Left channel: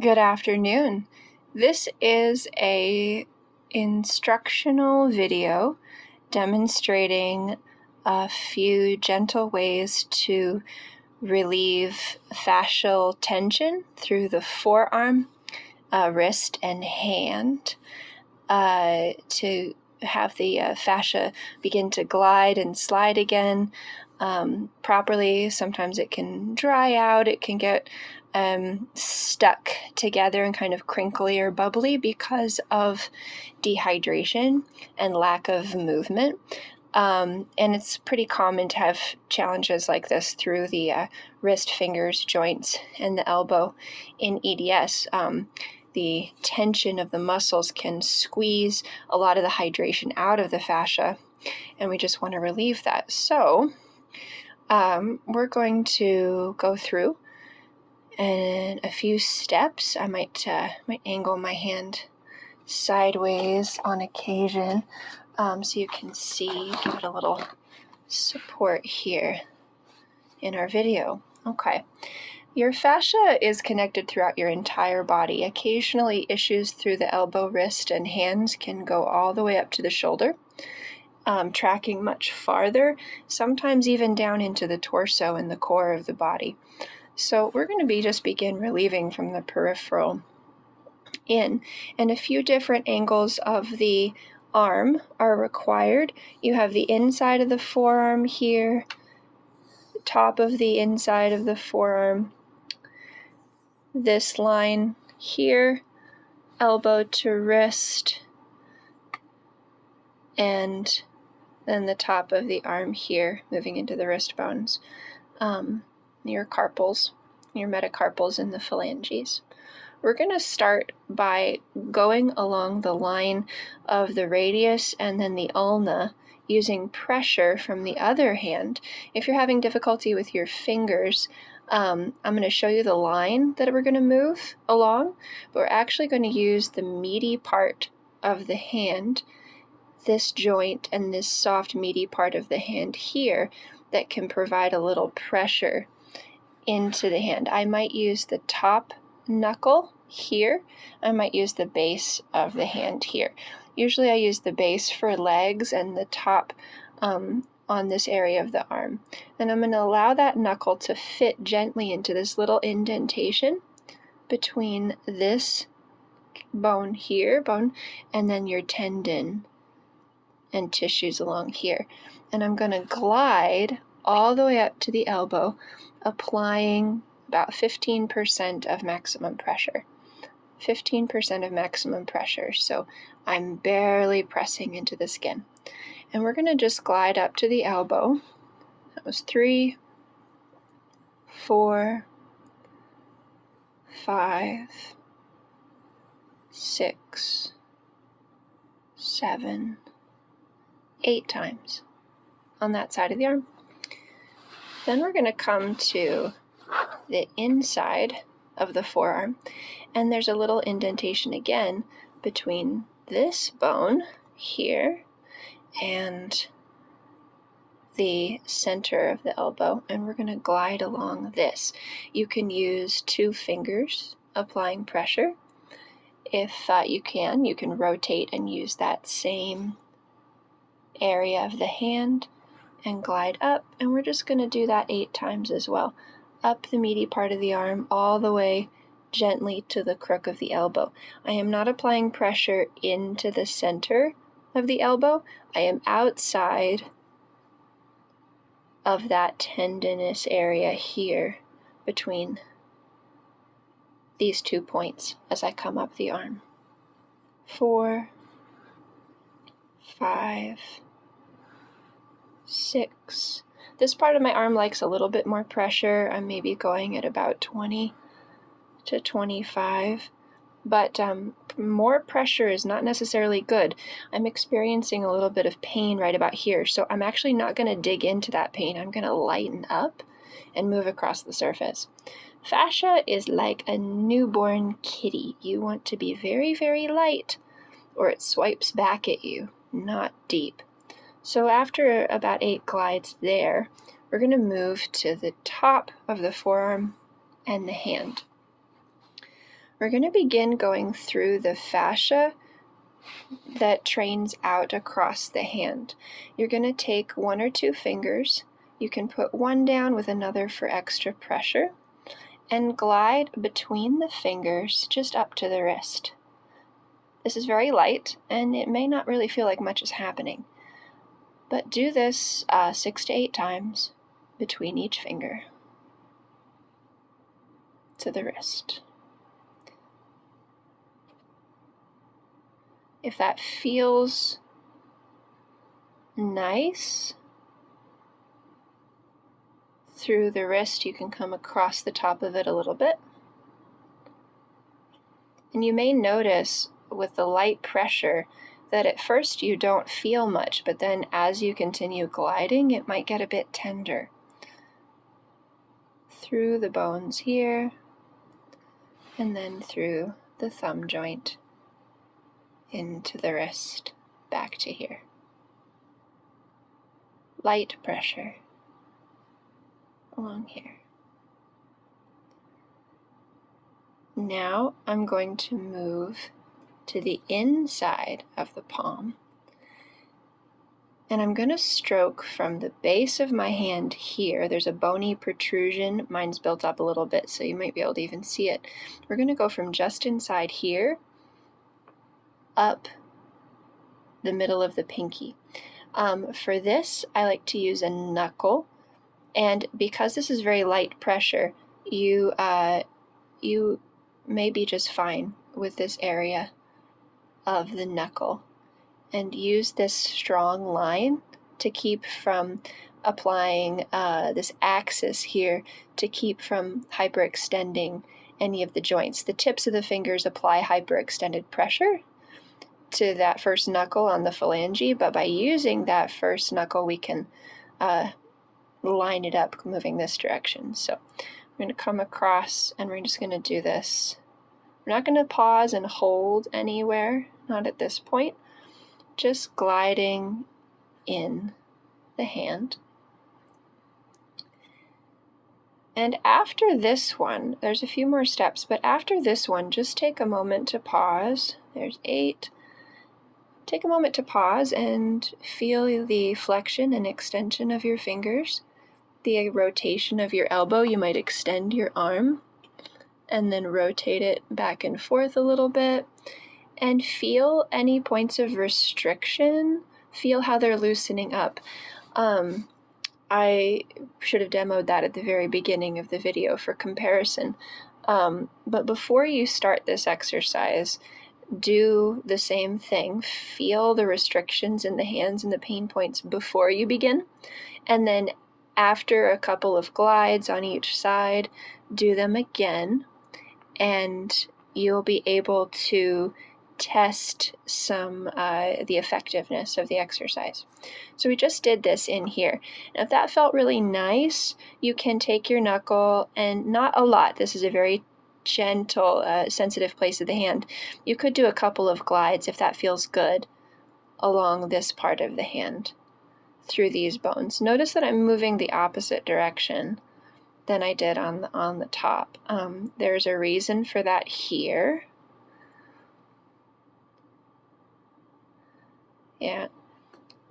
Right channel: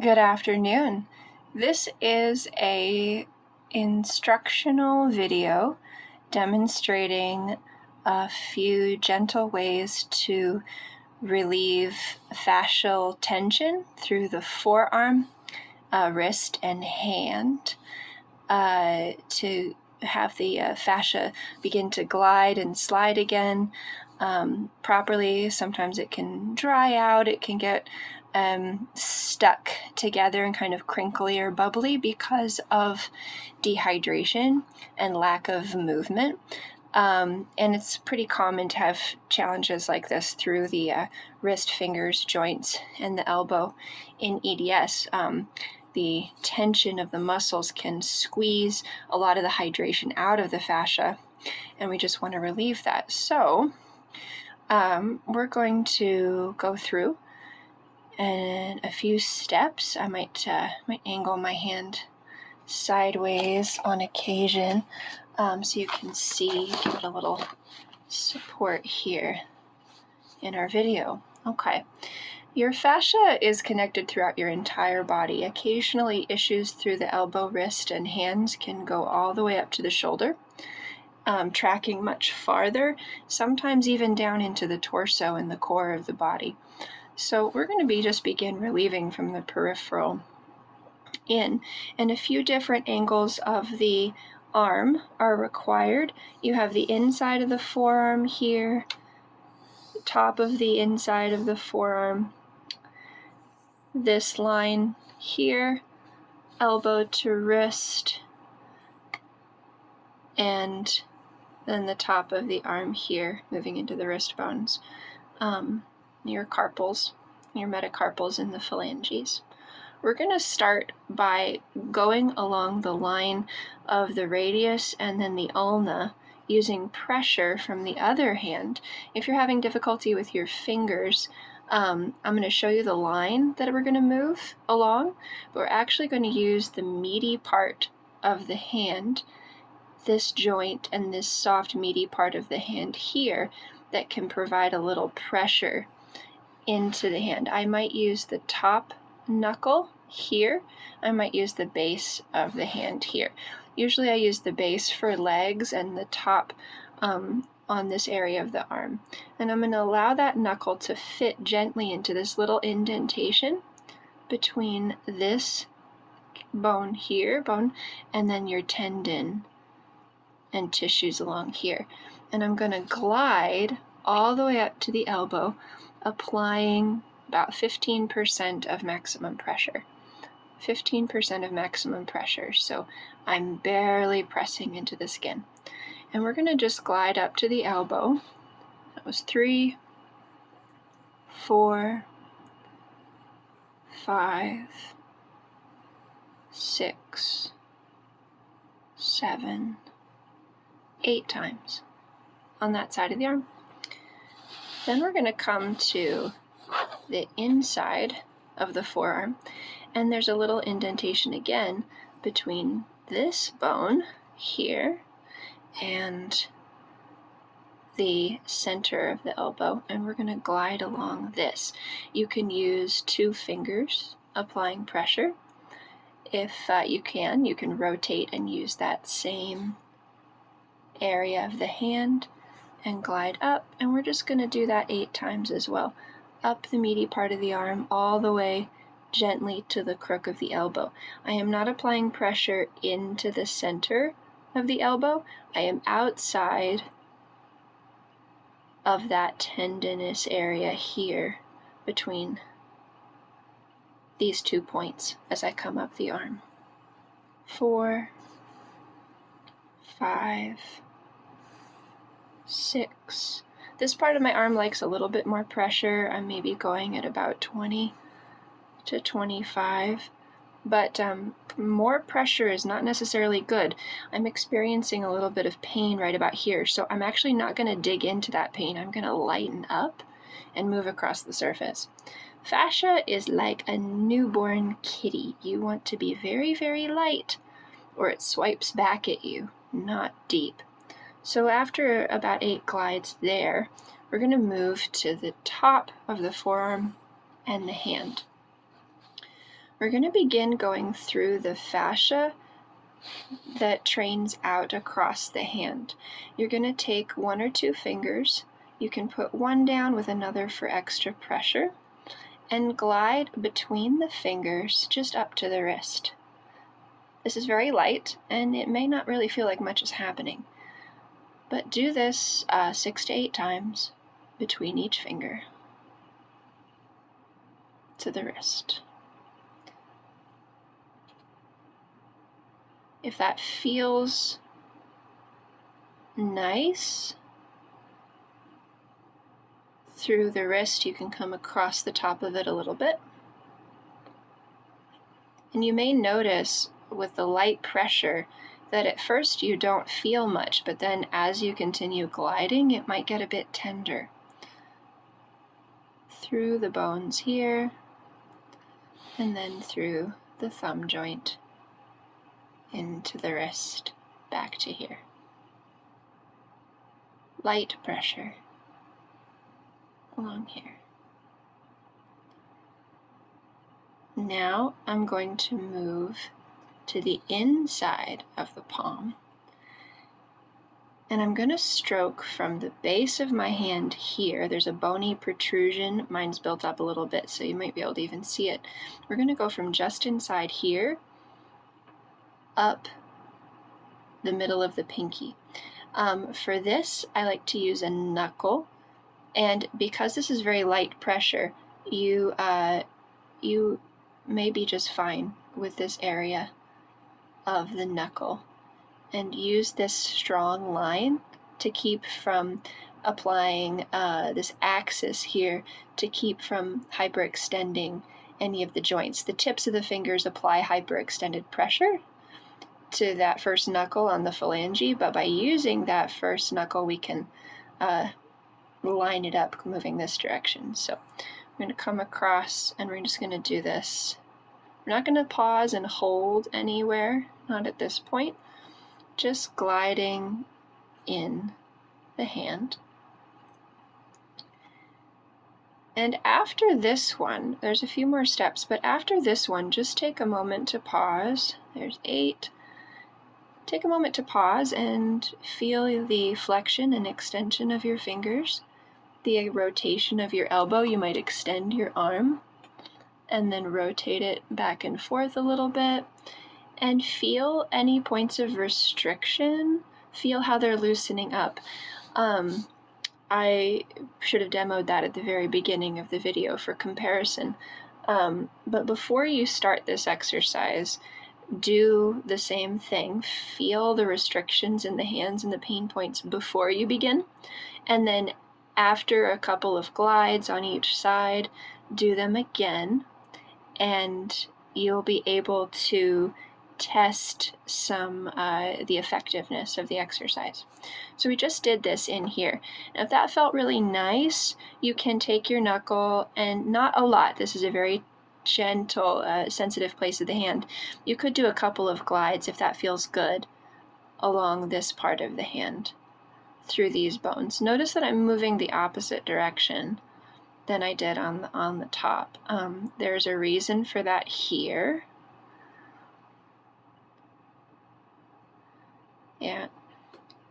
Good afternoon. This is a instructional video demonstrating a few gentle ways to relieve fascial tension through the forearm, wrist, and hand to have the fascia begin to glide and slide again properly. Sometimes it can dry out, it can get stuck together and kind of crinkly or bubbly because of dehydration and lack of movement. And it's pretty common to have challenges like this through the wrist, fingers, joints, and the elbow in EDS. The tension of the muscles can squeeze a lot of the hydration out of the fascia, and we just want to relieve that. So we're going to go through in a few steps. I might angle my hand sideways on occasion so you can see, give it a little support here in our video. Okay. Your fascia is connected throughout your entire body. Occasionally, issues through the elbow, wrist, and hands can go all the way up to the shoulder, tracking much farther, sometimes even down into the torso and the core of the body. So we're going to begin relieving from the peripheral in, and a few different angles of the arm are required. You have the inside of the forearm here, the top of the inside of the forearm, this line here, elbow to wrist, and then the top of the arm here, moving into the wrist bones, your carpals, your metacarpals, and the phalanges. We're going to start by going along the line of the radius and then the ulna, using pressure from the other hand. If you're having difficulty with your fingers, I'm going to show you the line that we're going to move along, but we're actually going to use the meaty part of the hand, this joint and this soft meaty part of the hand here, that can provide a little pressure into the hand. I might use the top knuckle here. I might use the base of the hand here. Usually I use the base for legs and the top on this area of the arm. And I'm going to allow that knuckle to fit gently into this little indentation between this bone here, and then your tendon and tissues along here. And I'm going to glide all the way up to the elbow, applying about 15% of maximum pressure. 15% of maximum pressure, so I'm barely pressing into the skin. And we're going to just glide up to the elbow. That was 3, 4, 5, 6, 7, 8 times on that side of the arm. Then we're going to come to the inside of the forearm, and there's a little indentation again between this bone here and the center of the elbow, and we're going to glide along this. You can use 2 fingers applying pressure. If you can rotate and use that same area of the hand and glide up, and we're just going to do that 8 times as well, up the meaty part of the arm all the way gently to the crook of the elbow. I am not applying pressure into the center of the elbow. I am outside of that tendinous area here between these 2 points as I come up the arm. 4, 5, 6. This part of my arm likes a little bit more pressure. I'm maybe going at about 20 to 25, but more pressure is not necessarily good. I'm experiencing a little bit of pain right about here, so I'm actually not going to dig into that pain. I'm going to lighten up and move across the surface. Fascia is like a newborn kitty. You want to be very, very light, or it swipes back at you, not deep. So after about 8 glides there, we're going to move to the top of the forearm and the hand. We're going to begin going through the fascia that trains out across the hand. You're going to take 1 or 2 fingers. You can put one down with another for extra pressure, and glide between the fingers just up to the wrist. This is very light, and it may not really feel like much is happening, but do this 6 to 8 times between each finger to the wrist. If that feels nice through the wrist, you can come across the top of it a little bit. And you may notice with the light pressure that at first you don't feel much, but then as you continue gliding, it might get a bit tender. Through the bones here, and then through the thumb joint, into the wrist, back to here. Light pressure along here. Now I'm going to move to the inside of the palm, and I'm going to stroke from the base of my hand here. There's a bony protrusion. Mine's built up a little bit, so you might be able to even see it. We're going to go from just inside here up the middle of the pinky. For this, I like to use a knuckle, and because this is very light pressure, you may be just fine with this area of the knuckle, and use this strong line to keep from applying this axis here to keep from hyperextending any of the joints. The tips of the fingers apply hyperextended pressure to that first knuckle on the phalange, but by using that first knuckle, we can line it up moving this direction. So I'm going to come across, and we're just going to do this. We're not going to pause and hold anywhere, not at this point. Just gliding in the hand. And after this one, there's a few more steps, but after this one, just take a moment to pause. There's 8. Take a moment to pause and feel the flexion and extension of your fingers, the rotation of your elbow. You might extend your arm and then rotate it back and forth a little bit, and feel any points of restriction. Feel how they're loosening up. I should have demoed that at the very beginning of the video for comparison. But before you start this exercise, do the same thing. Feel the restrictions in the hands and the pain points before you begin. And then after a couple of glides on each side, do them again. And you'll be able to test the effectiveness of the exercise. So we just did this in here. And if that felt really nice, you can take your knuckle, and not a lot. This is a very gentle, sensitive place of the hand. You could do a couple of glides if that feels good along this part of the hand through these bones. Notice that I'm moving the opposite direction than I did on the top. There's a reason for that here. Yeah,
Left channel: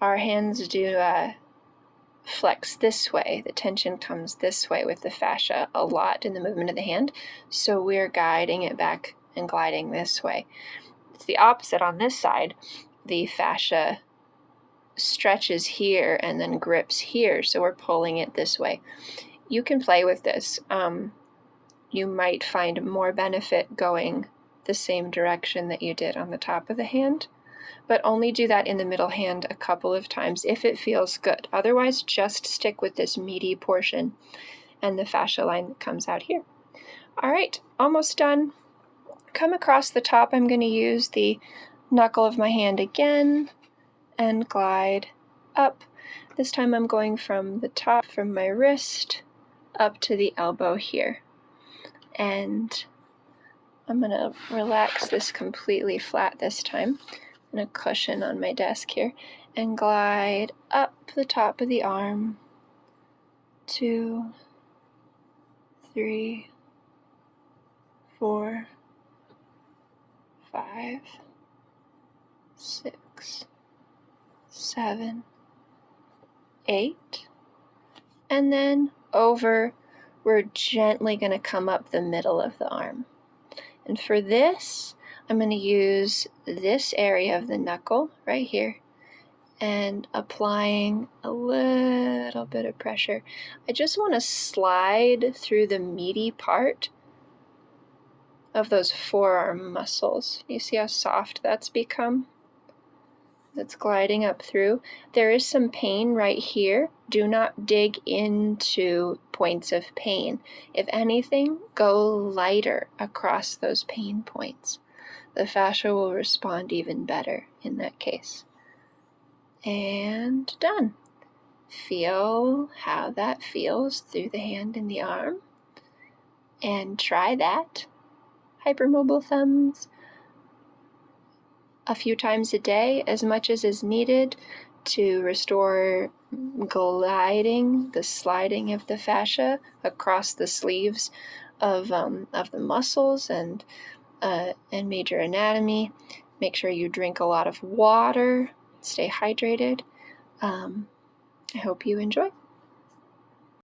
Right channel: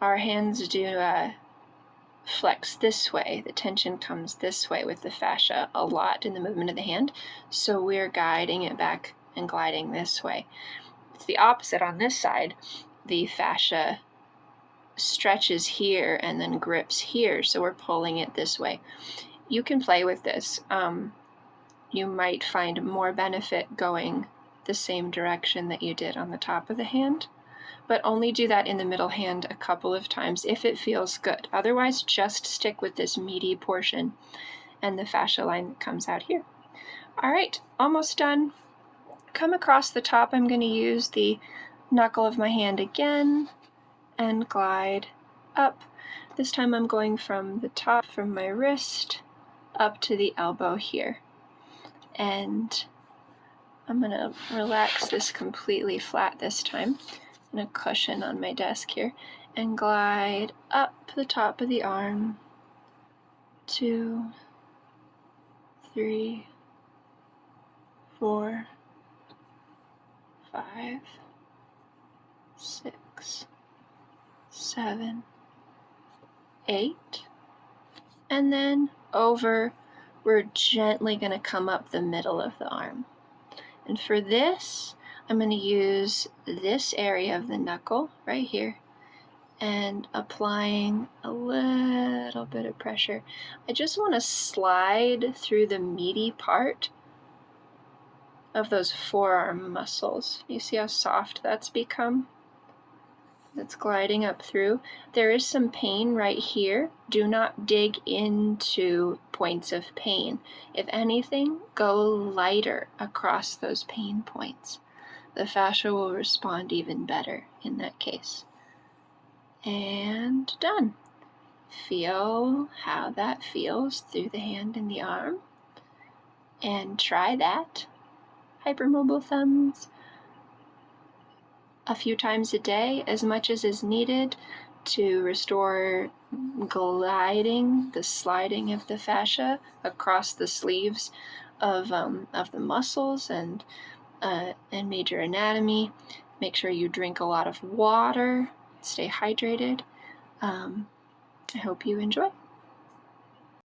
our hands do flex this way. The tension comes this way with the fascia a lot in the movement of the hand, so we're guiding it back and gliding this way. It's the opposite on this side. The fascia stretches here and then grips here, so we're pulling it this way. You can play with this. You might find more benefit going the same direction that you did on the top of the hand, but only do that in the middle hand a couple of times if it feels good. Otherwise, just stick with this meaty portion and the fascia line that comes out here. All right, almost done. Come across the top. I'm going to use the knuckle of my hand again and glide up. This time I'm going from the top, from my wrist, up to the elbow here. And I'm going to relax this completely flat this time. And a cushion on my desk here, and glide up the top of the arm. 2, 3, 4, 5, 6, 7, 8, and then over, we're gently going to come up the middle of the arm. And for this, I'm going to use this area of the knuckle right here and applying a little bit of pressure. I just want to slide through the meaty part of those forearm muscles. You see how soft that's become? That's gliding up through. There is some pain right here. Do not dig into points of pain. If anything, go lighter across those pain points. The fascia will respond even better in that case. And done. Feel how that feels through the hand and the arm. And try that. Hypermobile thumbs a few times a day, as much as is needed to restore gliding, the sliding of the fascia across the sleeves of the muscles and major anatomy. Make sure you drink a lot of water, stay hydrated. I hope you enjoy.